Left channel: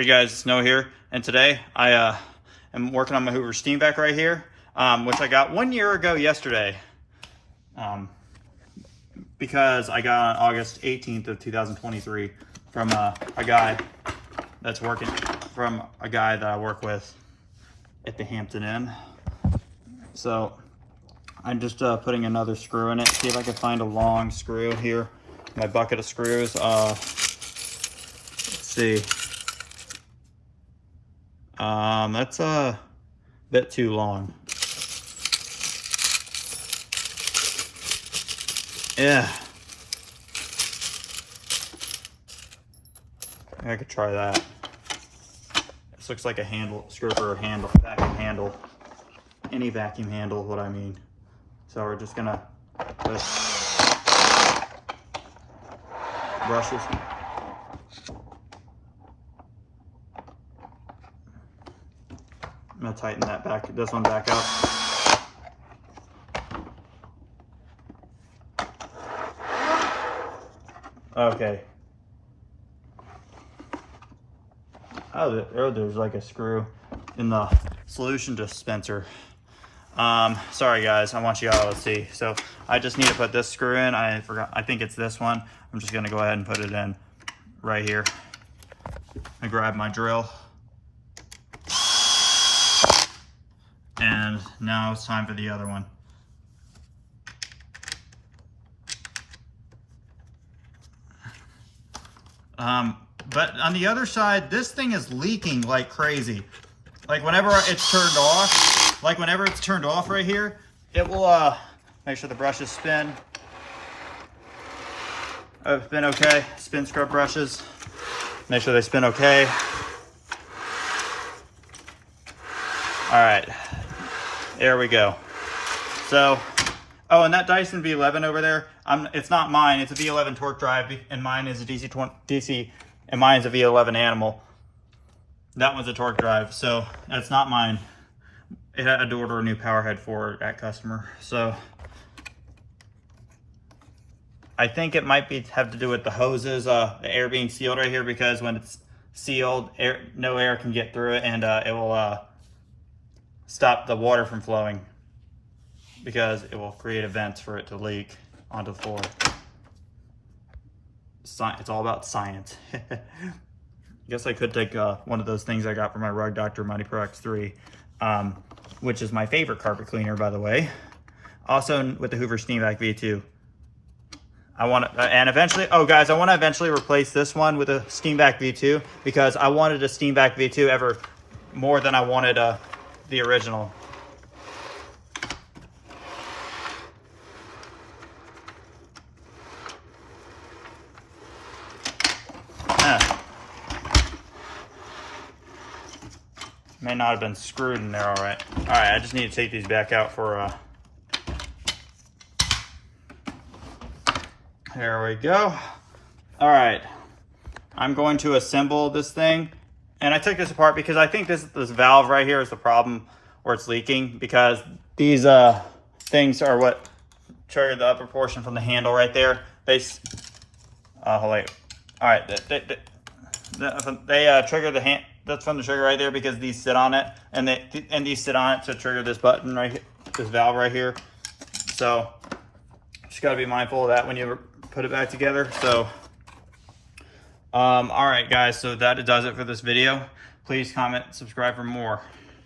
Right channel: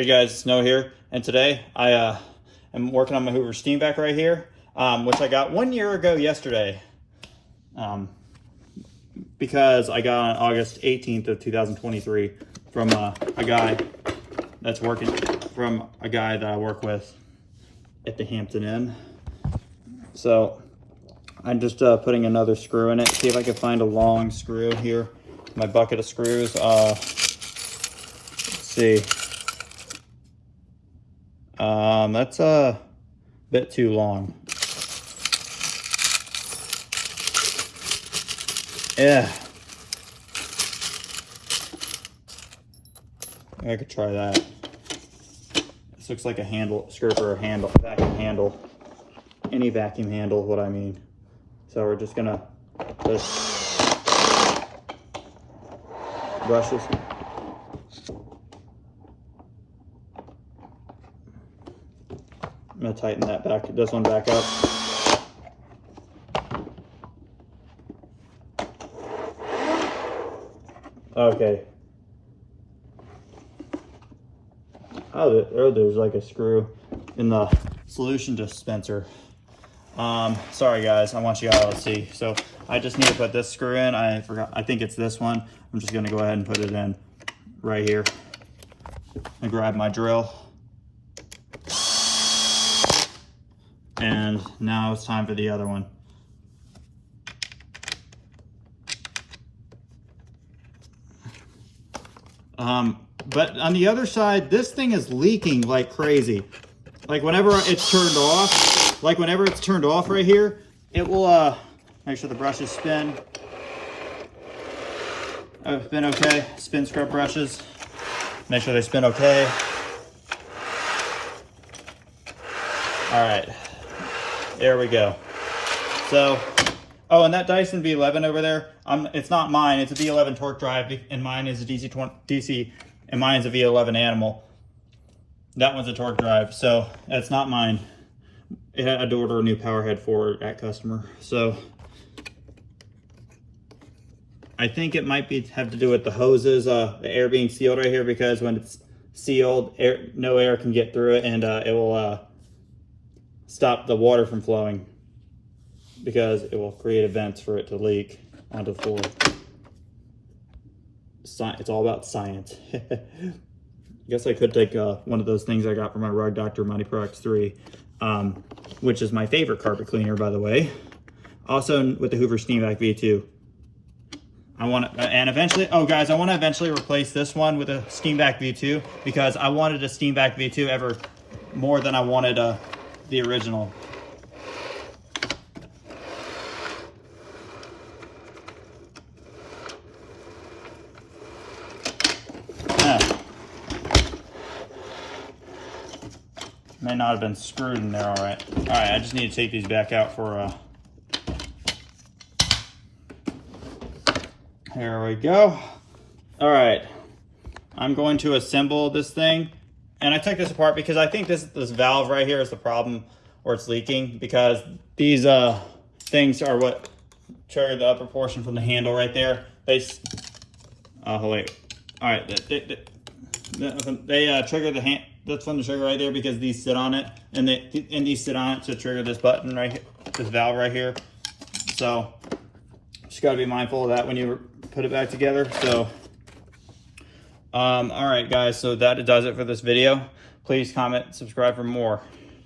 Hey guys, it's Noah here, and today I am working on my Hoover SteamVac right here, which I got 1 year ago yesterday, because I got on August 18th of 2023 from a guy that's working, from a guy that I work with at the Hampton Inn. So I'm just putting another screw in it, see if I can find a long screw here, my bucket of screws. Let's see. That's a bit too long. Yeah. I could try that. This looks like a handle, screw for a handle, vacuum handle. Any vacuum handle, what I mean. So we're just gonna put brushes. I'm gonna tighten that back, this one back up. Okay. Oh, there's like a screw in the solution dispenser. Sorry guys, I want you all to see. So I just need to put this screw in. I forgot, I think it's this one. I'm just gonna go ahead and put it in right here. And grab my drill. And now it's time for the other one. But on the other side, this thing is leaking like crazy. Like whenever it's turned off, right here, it will make sure the brushes spin. Oh, spin okay. Spin scrub brushes. Make sure they spin okay. All right. There we go. So, oh, and that Dyson V11 over there, it's not mine. It's a V11 torque drive, and mine is a DC, and mine's a V11 Animal. That one's a torque drive, so that's not mine. I had to order a new power head for it at customer. So, I think it might have to do with the hoses, the air being sealed right here, because when it's sealed, no air can get through it, and it will stop the water from flowing, because it will create events for it to leak onto the floor. It's all about science. I guess I could take one of those things I got from my Rug Doctor Mighty Pro X3, which is my favorite carpet cleaner, by the way. Also with the Hoover SteamVac V2. I want to, and eventually, oh guys, I want to eventually replace this one with a SteamVac V2, because I wanted a SteamVac V2 ever more than I wanted the original. May not have been screwed in there. All right, I just need to take these back out for there we go. All right, I'm going to assemble this thing. And I took this apart because I think this valve right here is the problem where it's leaking, because these things are what trigger the upper portion from the handle right there. They hold on. All right, they trigger the hand. That's from the trigger right there, because these sit on it, and these sit on it to trigger this button right here, this valve right here. So just got to be mindful of that when you put it back together. So. All right guys, so that does it for this video. Please comment, subscribe for more.